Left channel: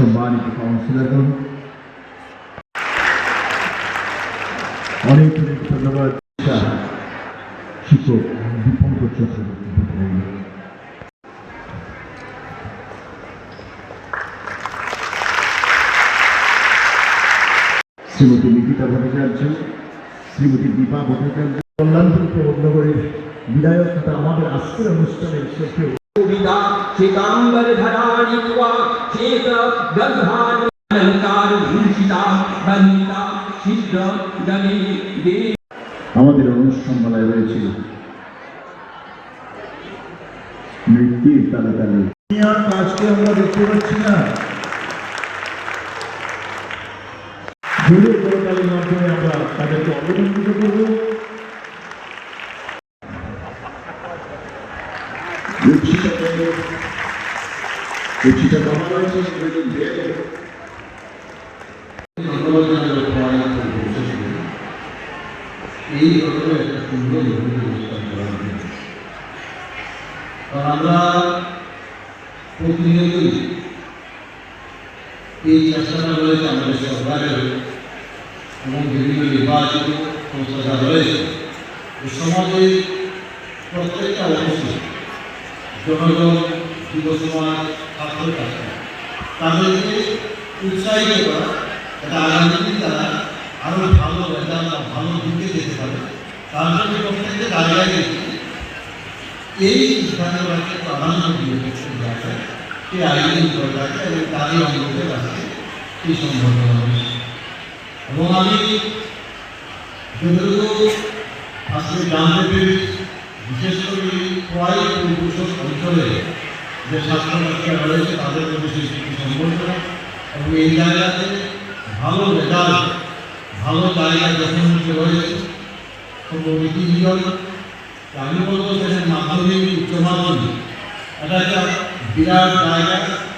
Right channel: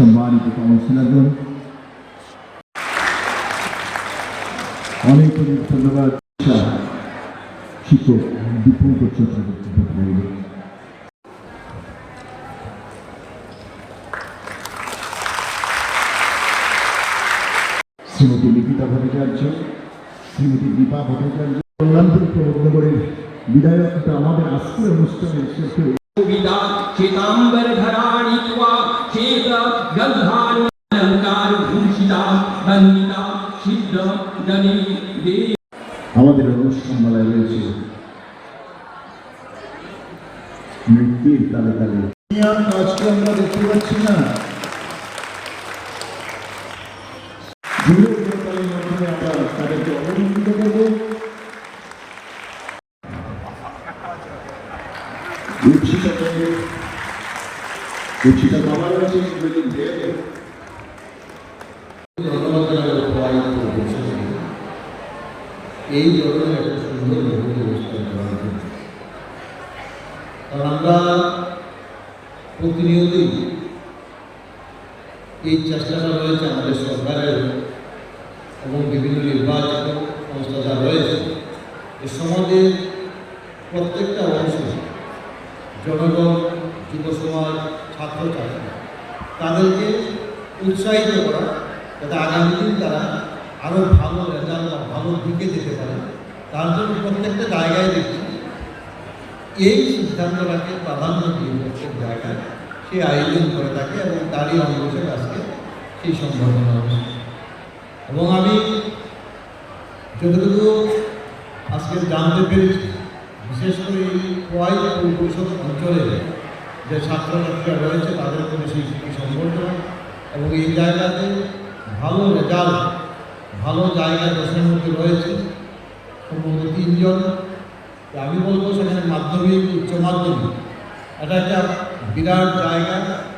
সম্মানিত কাউন্সিলরগণ অনেক অনেক ধন্যবাদ। শিক্ষক দীপঙ্কর চট্টোপাধ্যায় শ্রীমতী নিকিতা ভট্টাচার্য, শ্রীমতী দীপা ভট্টাচার্য কল্যাণপুর বিধায়ক আমাদের আজকের অনুষ্ঠানের শেষে কবিতা চেতাঙ্গন ধারা আমাদের অনুষ্ঠানমালায় রয়েছে মৃত্যুর তালে তালে আজকে আমরা দেখতে পাচ্ছি না তাদেরকে অবলম্বিত করব। ধন্যবাদ জানাব সবাই এই ধরনের একটা সুন্দর অনুষ্ঠান করার জন্য কারণ আমরা প্রতিনিয়তই এই চেষ্টাটা রয়েছে আমাদের সরকারের এবং বিভিন্ন নির্বাচিত সংস্থা যা রয়েছে সমাজের প্রত্যেকটা অংশ জনগণ, যুব সমাজ ছাত্র ছাত্রী তাদেরকে উৎসাহিত করা, যাতে আগামী তারা আরও ভালো ভালো দিকে যেতে পারে। তার জন্য প্রত্যেকটা জায়গায় এই সিদ্ধান্তটাকে প্রাধান্য দিয়ে প্রত্যেক জায়গায় সে আয়োজন করে থাকে এবং তারই অনুরোধের কাছে সেই সম্ভাবনা এবং আমি যতটুকু আজকে জানতে পেরেছি, বিশেষ করে এই প্রায় পরিপরিষদ অঞ্চলে যে ছাত্রছাত্রীরা রয়েছে, তাদের প্রতি সেই সম্বর্ধনা এবং এই জায়গাতে ভালো রেজাল্ট ভালো জায়গায় দেশের রয়েছে তিনজন তো আমি বলব সেখানে মাধ্যমিক উচ্চ মাধ্যমিক এটা একটা বিরাট জায়গা।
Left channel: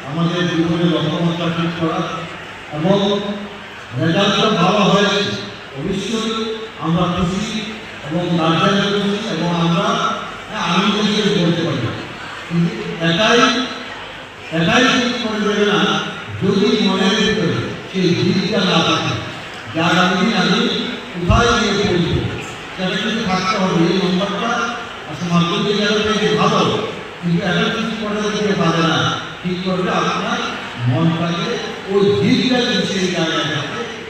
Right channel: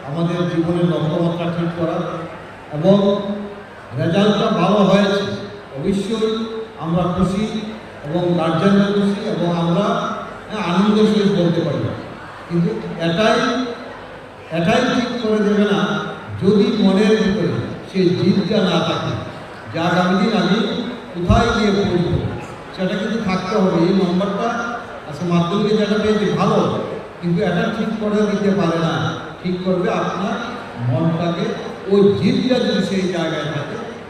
আমাদের জীবনে লক্ষ্যমাত্রা ঠিক করা। এবং রেজাল্টটা ভালো হয়েছে। অবশ্যই আমরা খুশি এবং গার্জেনরা খুশি এবং আমরা হ্যাঁ, আনন্দের সহিত বলতে পারি। কিন্তু এটাই এটাই করে দেবে না। যদি মনের ভিতরে সেই জিদটা না থাকে যে দিন আমি কোথায় গিয়ে পড়ব? সেটা কিন্তু থাকতে হবে। এই নম্বরটা আচ্ছা মাধ্যমিক পেয়েছে ভালো, কিন্তু এটা ঠিক করে দিতে পারে না। ঠিক করবে আপনার মনটাকে ওই জিদটা যদি সেই জায়গায়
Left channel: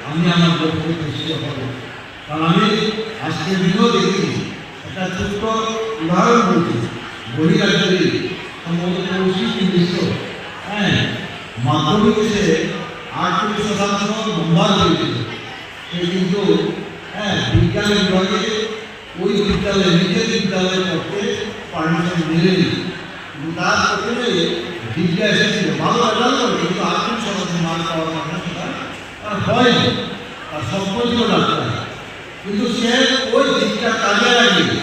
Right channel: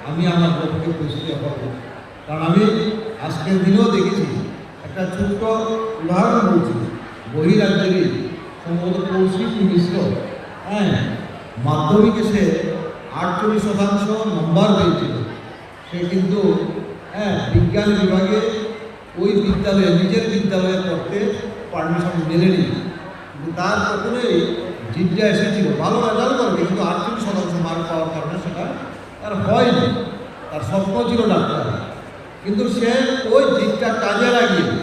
আমি আমার লক্ষ্যে দৃষ্টি হব কারণ আমি আজকের দিনেও দেখছি, একটা ছোট্ট উদাহরণ বলছি। বহিরাজ্যে সম্ভবত কৌশিক মিশ্র হ্যাঁ মাধ্যমিকে সে আটচল্লিশ শতাংশ নম্বর পেয়েছিল সে কিন্তু হ্যাঁ বিজ্ঞান বিভাগে ওই বিদ্যালয়ে, নিজের বিদ্যালয়ে পড়তে পারমিশন মেলেনি কিন্তু তার প্রথমেই জিজ্ঞা এসেছিল। ভালো রেজাল্ট করে কিন্তু আটচল্লিশ শতাংশ মার্ক পাওয়ার কারণে সেটা তার হয়নি। তার স্বপ্ন ছিল ডাক্তার। কিন্তু সে ওই দিকটা কাজে লাগিয়ে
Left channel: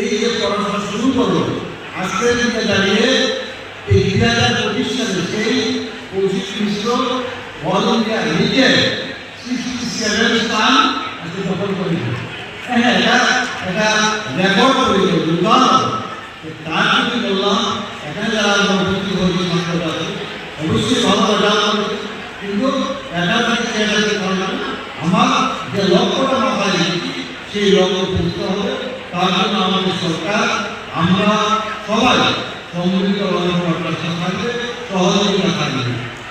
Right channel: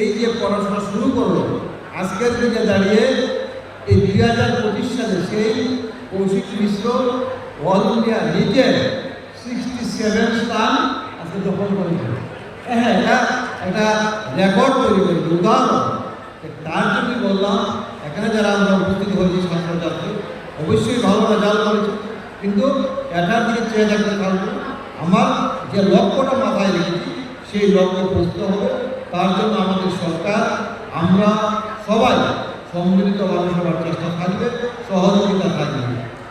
এই যে পড়াশোনা শুরু করল, আজকের দিনে দাঁড়িয়ে এই দুই হাজার পঁচিশ সালে সেই কৌশিক মিশ্র অল ইন্ডিয়া লিগে সিক্সটি সেভেন স্থান আজকে হ্যাঁ এটা এটা রেকর্ড করে উদাহরণ তার জন্য বললাম এখানে যারা আমরা উপস্থিত হয়েছি অবশ্যই ভালো রেজাল্ট কিন্তু এটা রাখতে আমার যে লক্ষ্যটা মাথায় সেই লক্ষ্য পৌঁছতে হবে তার জন্য আমাদের সরকার আমরা সবাই সম্মিলিত করার চেষ্টা থাকবে সহযোগিতা থাকবে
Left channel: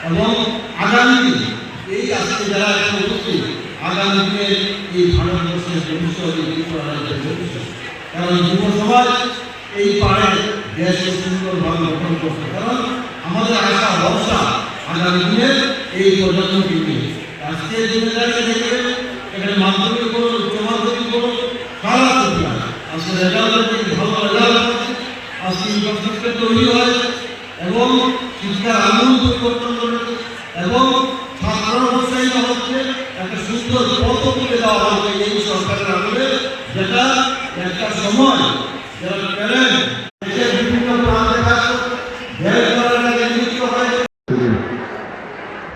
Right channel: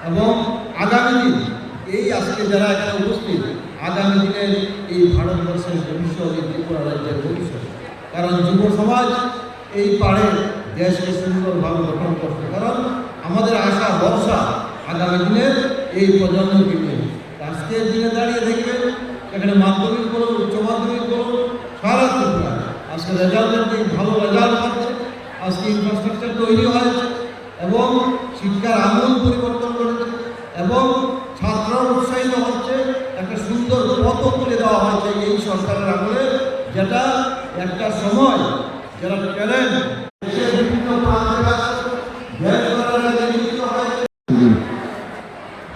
এবং আগামী দিন এই আজকে যারা উপস্থিত আগামী দিনের এই ভারতবর্ষের ভবিষ্যৎ এই ত্রিপুরা রাজ্যের ভবিষ্যৎ। কারণ যুব সমাজ এই পাড়ে দেশকে সুন্দরভাবে গঠন করছে। কারণ আমাদের আশা, ভরসা আগামী দিনের এই প্রজন্মকে নিয়ে। আজকের দিনে দাঁড়িয়ে থেকে এখানে মাধ্যমিক করুন, উচ্চ মাধ্যমিক করুন, সারা ত্রিপুরা আজকে রেজাল্টের দিন ভালো রেজাল্ট হচ্ছে। আজকে ইনফ্রাস্ট্রাকচার তৈরি হয়েছে এবং শিক্ষার আমূল পরিবর্তন ঘটেছে এবং ছাত্ররা উৎসাহিত হচ্ছে। সুন্দর পথ তুলে দেওয়া হয়েছে এই সরকারের আমলে, যেটা একটা সময় যারা প্যারেন্ট বিভিন্ন প্রান্তে